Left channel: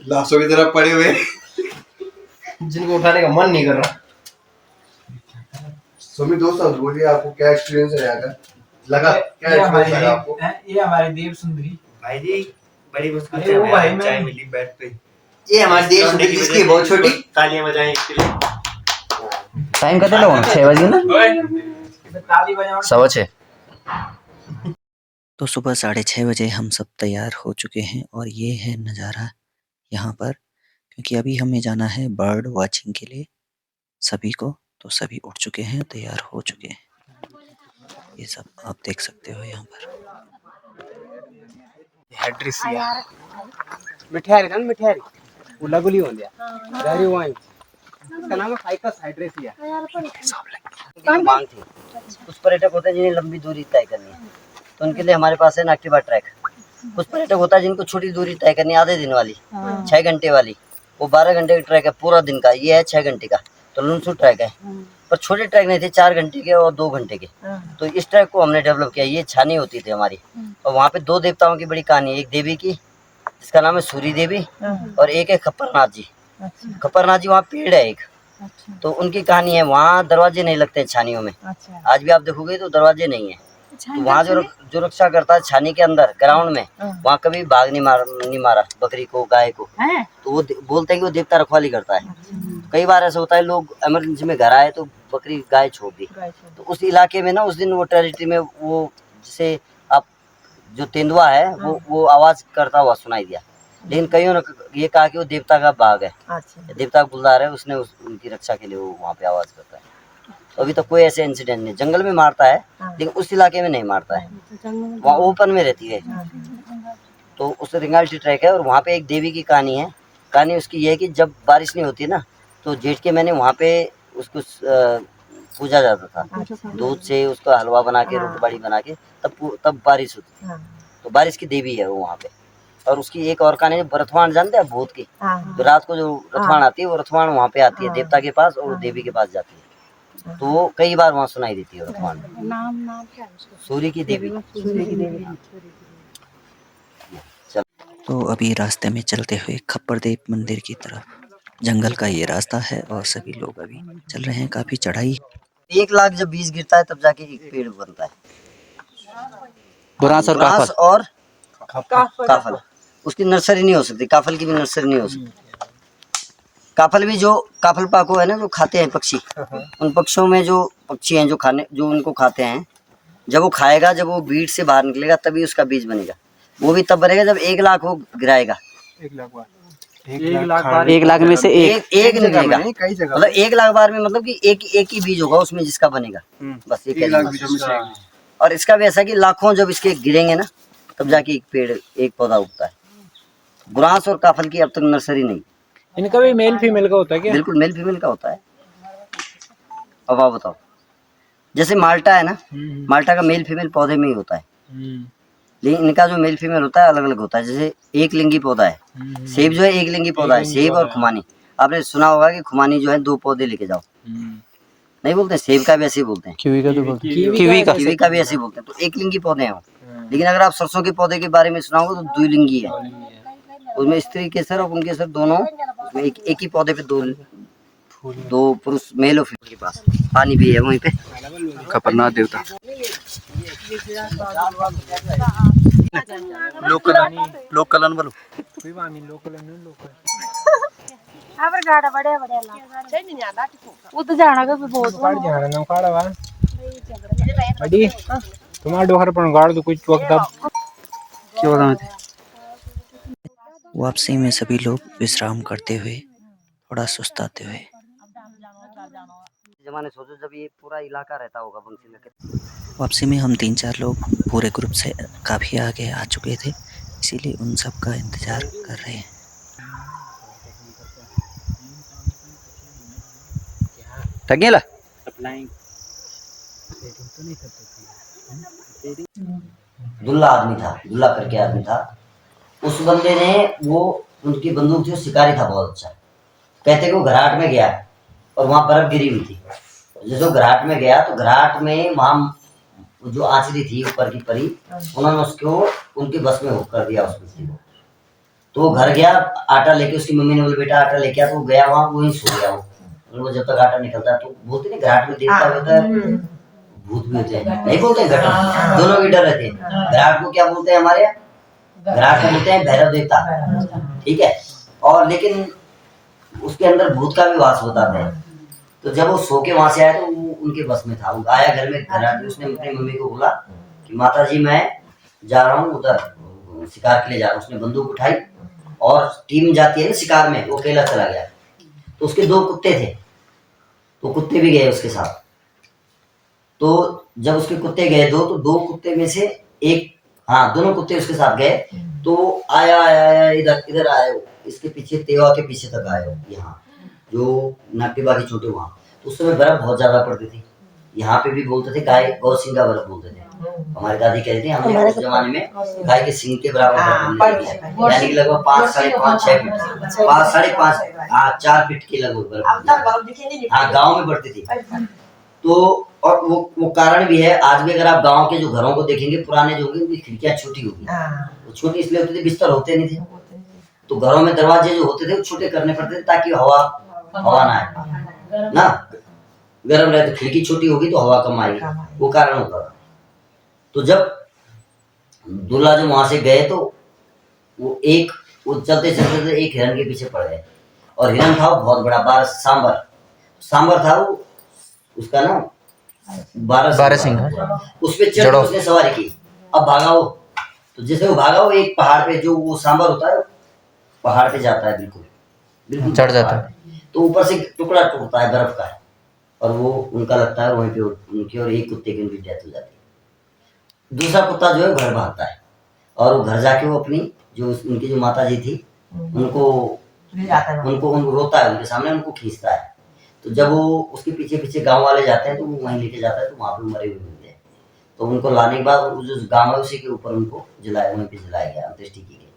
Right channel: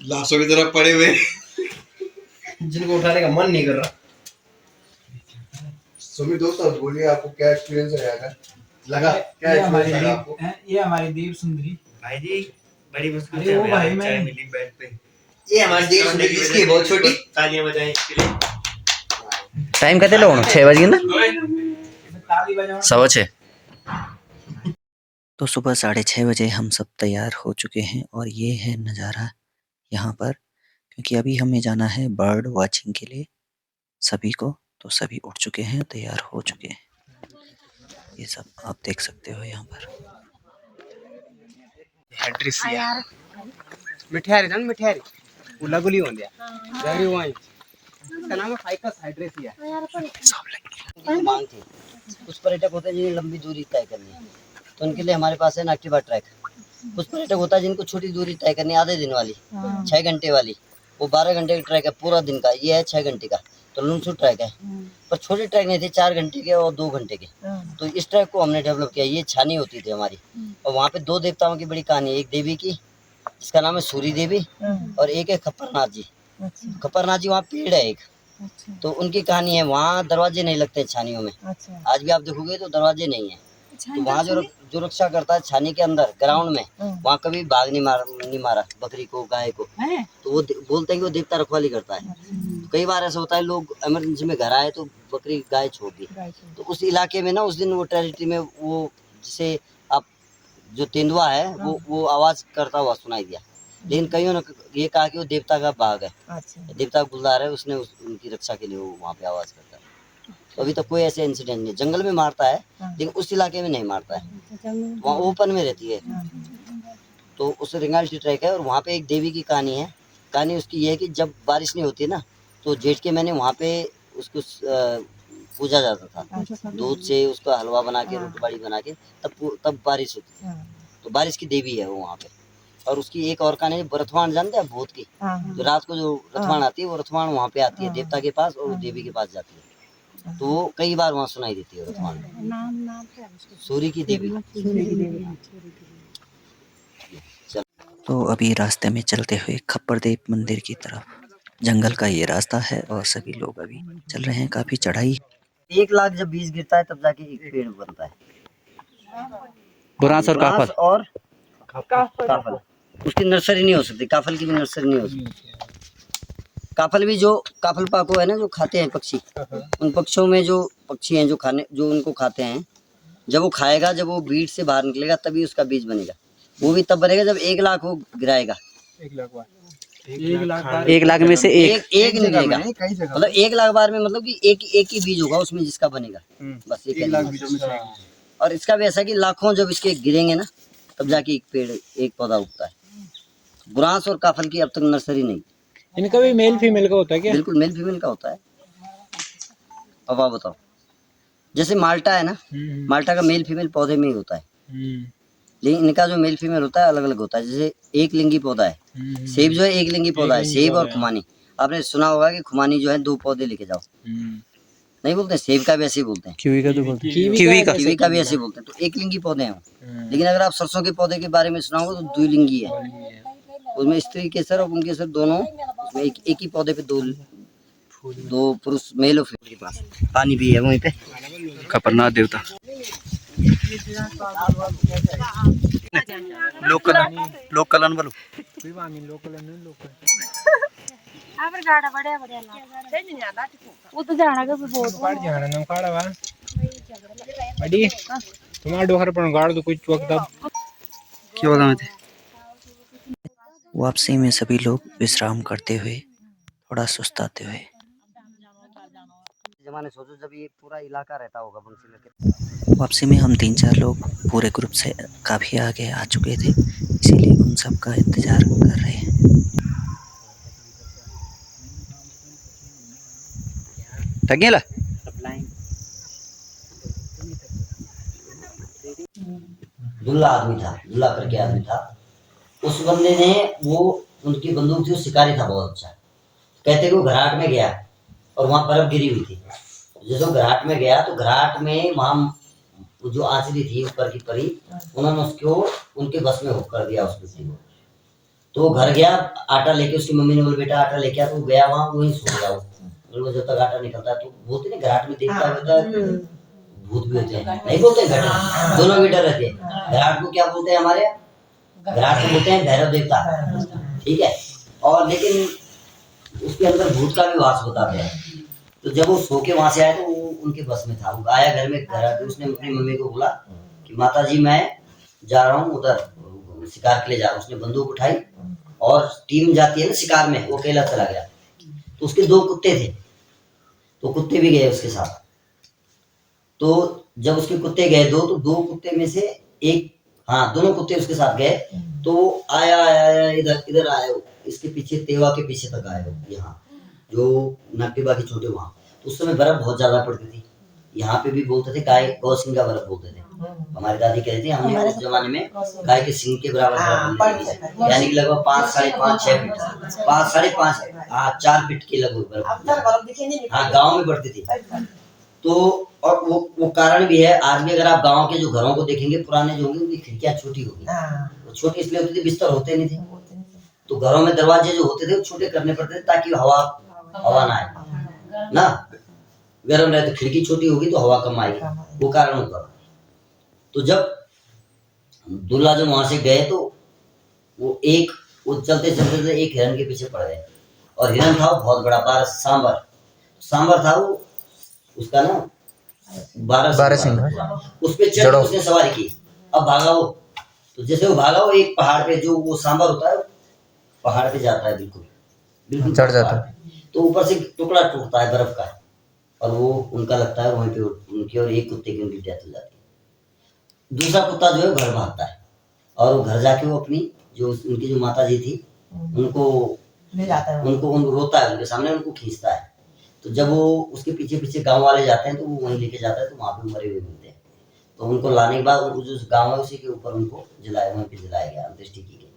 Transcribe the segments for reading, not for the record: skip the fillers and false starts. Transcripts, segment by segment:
लाशों की तरफ पड़े हुए जिनको उठाने का मन नहीं कर रहा। सुमित दोस्तों बोलिए आपको क्या एक्सपीरियंस है यहाँ का लगा क्या एक्सपीरियंस लगा आपको? ये हमारी देव सुंदरी भाई जी बड़ी मुश्किल अरे से वो हमें भाई आज मैं- चाय मिली बेड पे। ये हमारी देश लौंडे की इसकी वजह से बहुत छोटी। तालियां बजाएं इसके लिए। टाइम कितने लोग 6 बज गए ना, ताली बजाओ। 6:15। तो सुबह 6:30 बजे हम सब तैयार हो चुके हैं और ये है नज़ारा यहाँ पर, क्योंकि अभी हमें जाना है बर्ड वाचिंग के लिए सभी को। तो सभी उठ चुके हैं, तैयार हो चुके हैं। ये सब आप देख सकते हो यहाँ पर। हैड्रिसिया मिठाई रन मिठाई उलागुली हो गया जारी वाइन इसका नाम है फाइकस हाइड्रेसिया। मांग थी कुछ पर्यटक होते हैं जिन्हें लंबी दूरी तय करनी है, तो उनके लिए हमारे पास है एक्टिवा ट्रैक। कुछ पर्यटक होता है जिनको छोटी दूरी तय करनी है, आधे दिन वाली 6 घंटे वाली, वो 12 घंटे का ट्रैक है पूरा दिन का। ये है 6 घंटे का, तो लुनसू ट्रैक है। पर छोटे ट्रैक नहीं थे, 4 घंटे के और 2 घंटे के। तो इस ट्रैक को हमने डेवलप किया। ये छानी होती थी हमारी, और वहाँ पे 2 देवताओं की बड़ी कहानी है। एक देवी की जिसका नाम है सूरी देवी, और एक है खप्परनाथ जी। खप्परनाथ जी वहाँ पेड़ है एक, तो उनकी कहानी है। वहाँ दरवाजे नहीं लगते छानियों में। आज भी आप देखोगे तो दरवाजे नहीं है। तो वहाँ जो रक्षा करता है छानी के अंदर ग्राउंड में, वहाँ कभी बाघ नहीं मारा बकरी को, गाय को। तो वो बोलते हैं कि वो देवता रखवाली करता है। कई बार ऐसा होता है लोग इमरजेंसी में घर आए तो बकरी गाय छोड़ दी, तो उस इलाके में ना उस दिन वो टेरिटरी में वो जिसे आप जो तेंदुआ है वो आवाज करता हुआ सुनाई दिया। लेकिन कईयों ने ये कहा कि वो देवता का बाघ है, देवता का बुलदार है, उसने उनकी रक्षा के लिए वो वहाँ पे आवाज करता है। तो अभी तक कोई ऐसे इंसिडेंट नहीं। जंगल में मारता है लेकिन उस इलाके में नहीं मारता है, वहाँ ओपन में रहती है। तो उस रिंगाल्टी ट्रैक है, और वहाँ पे एक देवी की कहानी है। कहानी उसकी ये है कि जब बारिश नहीं होती ना, तो जेठ के महीने वहाँ पे उसको पूजा जाता था। दूध से उसका हलवा बना के, रोटी बाड़ी बना के, तब बारिश होती थी। तो बारिश की देवी है वो वहाँ पे। और उसकी एक और कहानी, रथवान जानते हैं भूत की? तो रात को जो रथवान आती है, वो रथवान वहाँ पे आती है देवता के पास, और देवी के पास जाती है। तो वो कई बार वहाँ सुनाई देती है रथवान। नाम क्या है उसका? सूर्य की देवी। तो अभी रास्ते में चलते हुए खप्परदेव मंदिर की तरफ। जंगल का ये रास्ता है और सभी लोग अभी चल रहे हैं। काफी चढ़ाई। 1 लाख जब बीज गिरता है तब जाके एक पेड़ बनता है। बुरांस और काफल उसकी नर्सरी नहीं हो सकती। काफल की भी नर्सरी नहीं हो सकती। काफल भी जो काफल पाको है ना, जो खाते हैं पक्षी, उन पक्षियों में जो पक्षी हैं जो उनको खाते हैं, जब वो खाएगा, जब वो बीज से बाहर निकलेगा तभी उसका बीज बनेगा। वो भी तब बनेगा जब 1 लाख वो गिराएगा। 1 लाख बार 1 लाख में से एक निकलेगा। मतलब 1 लाख बार में मतलब कि एक ही बीज होगा उसमें जिसका बनेगा, बस 1 लाख बीजों में से। और इसका भी ऐसा कि लाखों जब इसके गिरेंगे ना, तब जाके एक पेड़, एक पौधा उगता है। गुरांस और काफल की अब तक नर्सरी नहीं। इनका भी मेल फीमेल का होता है क्या? बिल्कुल मेल फीमेल का होता है। अब आप बताओ, जैसे माल्टा है ना, माल्टा का मेल फीमेल पौधे में ही होता है, लेकिन इनका जो मेल फीमेल होता है अलग अलग होता है। जैसे एक लिंगी पौधा है, सेब जो है एक लिंगी पौधा है, सेब और खुमानी। आपने सुना होगा कि खुमानी जो है 2 पौधे लेके जाओ, नहीं बोलते? सेब का भी ऐसे ही बोलते हैं, कीवी का तो बोलते हैं। कीवी का भी ऐसे ही बोलते हैं। तो एक लिंगी पौधे हैं वो। लेकिन अगर आप सरसों के पौधे के बारे में सुना होगा तो 2 लिंगी है। उसमें स्त्री केसर और पुंकेसर दोनों, उसमें एक ही पौधे पे दो पुरुष, मेल और फीमेल के पास। पानी भी है वहीं पे। खपरनाक देवता। लोकल बोलो। अबर गाड़ा बड़े ला वो तो जाना का बहुत काड़ जाना ना काड़ा वा अडी तुम्हारा डोहर पर गाड़ दो कुछ वक्त अब क्या बताऊं थे। वापसी में सभी लोग विश्राम करते हुए, थोड़ा सुस्ताते हुए। जमाने सोचो जब ये पूरा इलाका रहता होगा बंसी में। वापसी में हम 3-4 लोग पूरे ग्रुप से काफ़ी आगे आ चुके थे, इसीलिए उन सब का इंतज़ार कर रहे हैं। टगेला दुल्ला आदमी था, दुल्ला करके आदमी था। उस बंदे ने, वो उनकी बंदूक थी, वो शिकारी था बहुत अच्छा। कहते कि वो घराट में गया और वहाँ बर्फ गिरी हुई थी। जैसे घराट में गया तो घराट में वहाँ जो आंचली थी ऊपर की परी, उन्होंने उसको उनके बस में कर दिया उस मिट्टी को। तो वो घर गया आटा लेके, उसकी मम्मी ने बोला बेटा आटा लेके आ, तो वो गया वहाँ वहीं सो गया वो। और वो जब तक आटा निकलता है तो बोलते नहीं घाट में देवता होता है, भूत भी होते हैं, नहीं बोलते हैं घाट, दोनों भी डर रहते हैं। घाट को क्या बोलते हैं हमारे यहाँ, घाट को बोलते हैं भैरव देवता, ठीक है। और लेकिन उसके अंदर भूत का भी वास होता है। तो जब वो सो के वहां से आया तो वो उनके बस में था। वो आया घर में, घर आके उसने अपनी मम्मी को बोला कि माता जी मैं जा रहा हूँ उधर शिकार के लिए जा रहा हूँ। उसने बंदूक उठाई और टीम जाती है ना शिकार में, वो अकेला चला गया। तो उसके 2 कुत्ते थे, तो कुत्ते भी गए उसके साथ। तो जब उसके कुत्ते गए 2, तो 2 कुत्ते में से एक, हाँ दोनों कुत्ते उसके साथ गए। तो आया इधर आया, इसके पीछे तेवा के पीछे तक आया, यहाँ जो नागटिबा के छोटे वहाँ। तो उस समय बर्फ बहुत ज्यादा पड़ती थी। यहाँ पे भी बोलते थे गाय गौ सिंह का बर्फ बोलते थे। हमारी दादी कहती थी हमने उस जमाने में गाय के सिंह के बराबर यानी कि लगभग 5, 5.5, 6 फीट, 5, 5.5, 4 फीट की लगभग बर्फ, हाँ गाँव में बढ़ती थी। तो और वो कारण भी है, आज भी अगर आप गांव के जो घरों को देखेंगे पुराने जो होंगे, उनकी खिड़कियां छोटी होगी। वो छोटी इसलिए होती थी, बिस्तर होते नहीं थे, तो घरों में दरवाजे जो होते थे वो छोटे करने पड़ते थे ताकि हवा ना आए ना, गर्म रहे। तो खिड़की छोटी होगी तो हवा कम आएगी, वो कारण होता था। तो जब दूल्हा जो वहां से गए तो वो चलते चलते एक हिरन के पीछे पड़ गए। और हिरन था बहुत बड़ा, सांबर था वो, उसका ना 12 सिंह, उस पे चढ़ उसने सवारी की। अब भागा वो, तो जैसे वो भागा वो एक पहाड़ पे, जो वो सांबर होता है पहाड़ पे जाता है, बिल्कुल चढ़ जाता है। तो ऊपर से टुकड़ा टूटता है बर्फ का, और वो उनका लगता है वहीं पे उनकी, और एक कुत्ते की उनकी डेथ हो जाती है। दूसरा कुत्ता जो है घर भागता है, और वो घर जाके वो अपनी जो उनकी जो माता जी थी उनको रोता है, उनके सामने उनको खींचता है। तो जब वो उसके पीछे पीछे गांव वाले जाते हैं तो वो वहीं लेके जाता है, तो वहां पे मरे हुए मिलते हैं। तो उनको लाने के बाद जो गांव है उसी के ऊपर उनको जलाया, वहीं पे जलाया गया अंत्येष्टि की गई।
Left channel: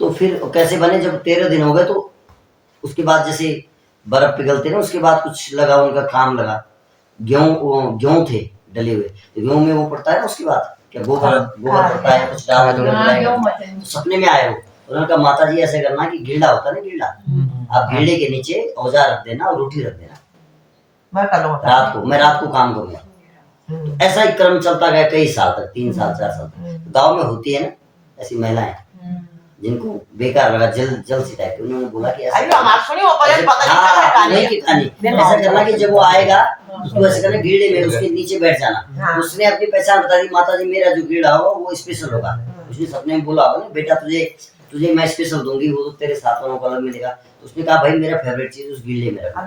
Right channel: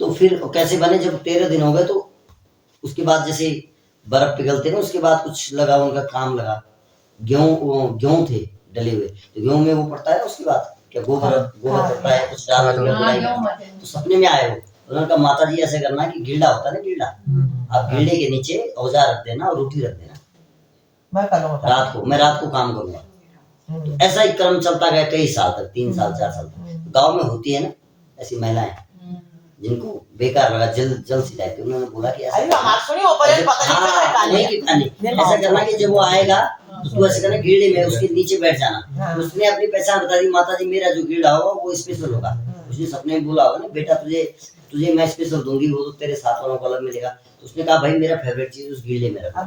तो फिर कैसे बने, जब 13 दिन हो गए तो उसके बाद जैसे बर्फ पिघलते ना, उसके बाद कुछ लगा, उनका काम लगा। गेहूं थे डले हुए, तो गेहूं में वो पड़ता है ना, उसके बाद क्या गोबर पड़ता है, कुछ डाल। तो सपने में आए हो, उन्होंने कहा माता जी ऐसे करना कि गीला होता है ना, गीला, आप गीले के नीचे औजार रख देना और रोटी रख देना, मैं रात को काम करूंगा। तो ऐसा ही क्रम चलता गया कई साल तक, 3 साल 4 साल तक। गाँव में होती है ना ऐसी महिलाएं जिनको बेकार लगा, जल सी टाइप, उन्होंने बोला कि ऐसा करना कि जब वो आएगा उसको ऐसे करना गीड़े में उसके नीचे बैठ जाना। उसने अपनी पहचान बता दी, माता जी मेरा जो गीड़ा होगा वो स्पेशल होगा। उसने सपने में बोला होगा ना, बेटा तुझे मैं स्पेशल दूंगी, वो तो तेरे साथ वालों को अलग मिलेगा। तो उसने कहा भाई मेरा फेवरेट चीज उस गीले में रखा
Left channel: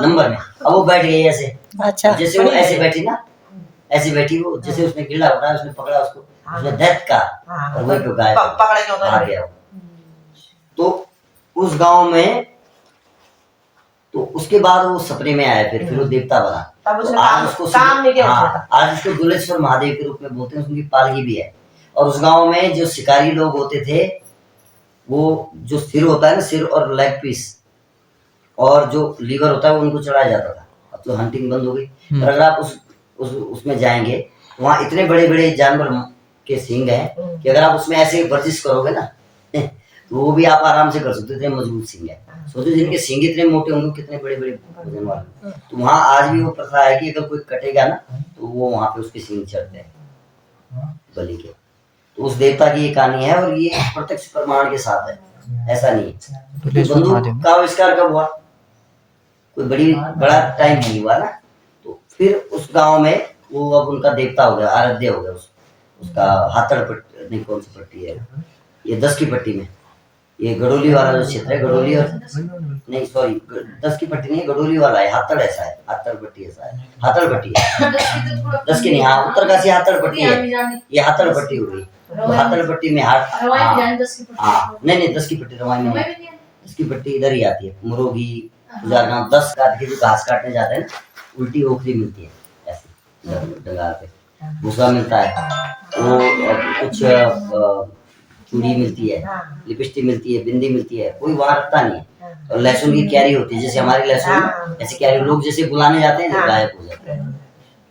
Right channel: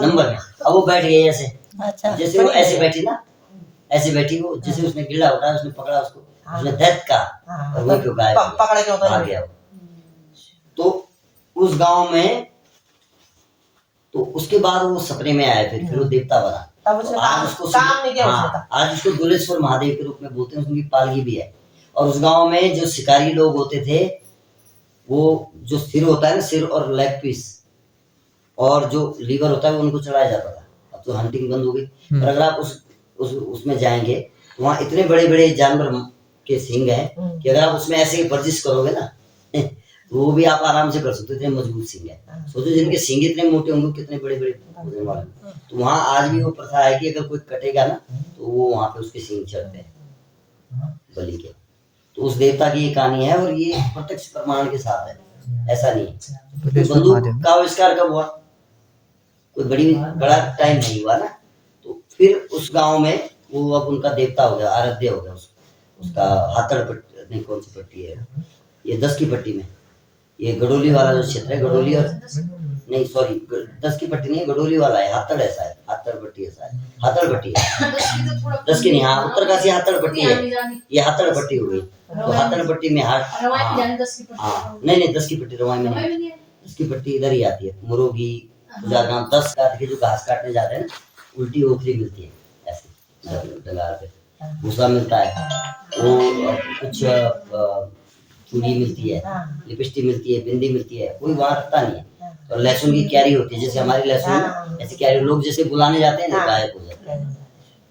नंबर में। अब वो बैठ गई ऐसे, जैसे वो ऐसे बैठी ना, ऐसे बैठी वो, जैसे उसने गीला उठाया, उसने पकड़ा उसको, उसने दैत का, और वही क्यों गायब आ गया। तो उस गांव में, तो उसके बाद वो सपने में आया, फिर वो देवता बना। तो आज उसको दुलेश्वर महादेव के रूप में बोलते हैं, उसकी पालकी भी है। और उस गांव में जो शिकारी लोग होते थे, वो जो सिर होता है ना, सिर और लेग पीस और जो लीवर होता है वो उनको चढ़ाया जाता था। अब तो हंटिंग बंद हो गई, पर अगर आप उसमें जाएंगे तो वहाँ इतने बड़े बड़े जानवर के सींग हैं कि अगर आप उसमें ऐसे वर्जिश करोगे ना तो वो भी आप आराम से कर सकते हो, इतने मजबूत सींग है। सोचो जिनके सींग इतने मोटे होंगे, कितने बड़े बड़े वजन वाले। तो वहाँ आज भी वो प्रथा है कि अगर कोई कटेगा ना तो वो वहाँ पे उसके सींग चढ़ते हैं बलि के। तो उस देवता की ये कहानी है, और ये प्रत्यक्ष प्रमाण के साथ है, ऐसा नहीं है। बंदूक का आविष्कार कब हुआ, कोई बड़ा टाइम नहीं हुआ ना। तो फिर उस गांव में वो अब उनका देवता हो गया, आराध्य हो गया। उसका हाथड़ पट्टी नहीं, कौन सी पट्टी है ये, 10 की पट्टी में, ये गडोली वाला जो क्षेत्र है, गडोली और नहीं सॉरी 10 की पट्टी नहीं है, गडोली वाला है, हाथड़ ऐसा है, हाथड़ पट्टी ऐसा है, हाथड़ पट्टी है 10 की नहीं, हाँ उत्तरकाशी हाथड़ पट्टी है, ये हाथड़ पट्टी हो गई। तो हाथड़ पट्टी में नहीं 10 की पट्टी रवाई में नहीं, 10 की पट्टी इधर ही आती है, मुरोगी 10 काट के जो घास काटने जाते हैं ना, उल्टी ओखली मिलती है ऐसी डंगार पे, भूसा मिलता है, वो कुछ चूड़ी मिलती है, लिपस्टिक मिलती है, बिंदी मिलती है, कोई वहाँ रखता नहीं है। और लहसुन की क्यारी होती है, जैसे हमारी लहसुन ऐसी क्यारी, लोग जैसे बुलाने जाते हैं ना गायब हो जाते हैं,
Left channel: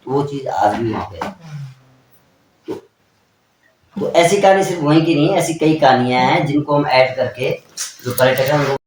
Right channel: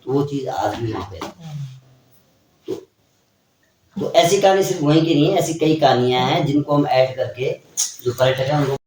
तो वो चीज आज भी वहाँ पे। तो तो ऐसी कहानी सिर्फ वहीं की नहीं है, ऐसी कई कहानियां हैं जिनको हम ऐड करके जो पर्यटक हैं उनको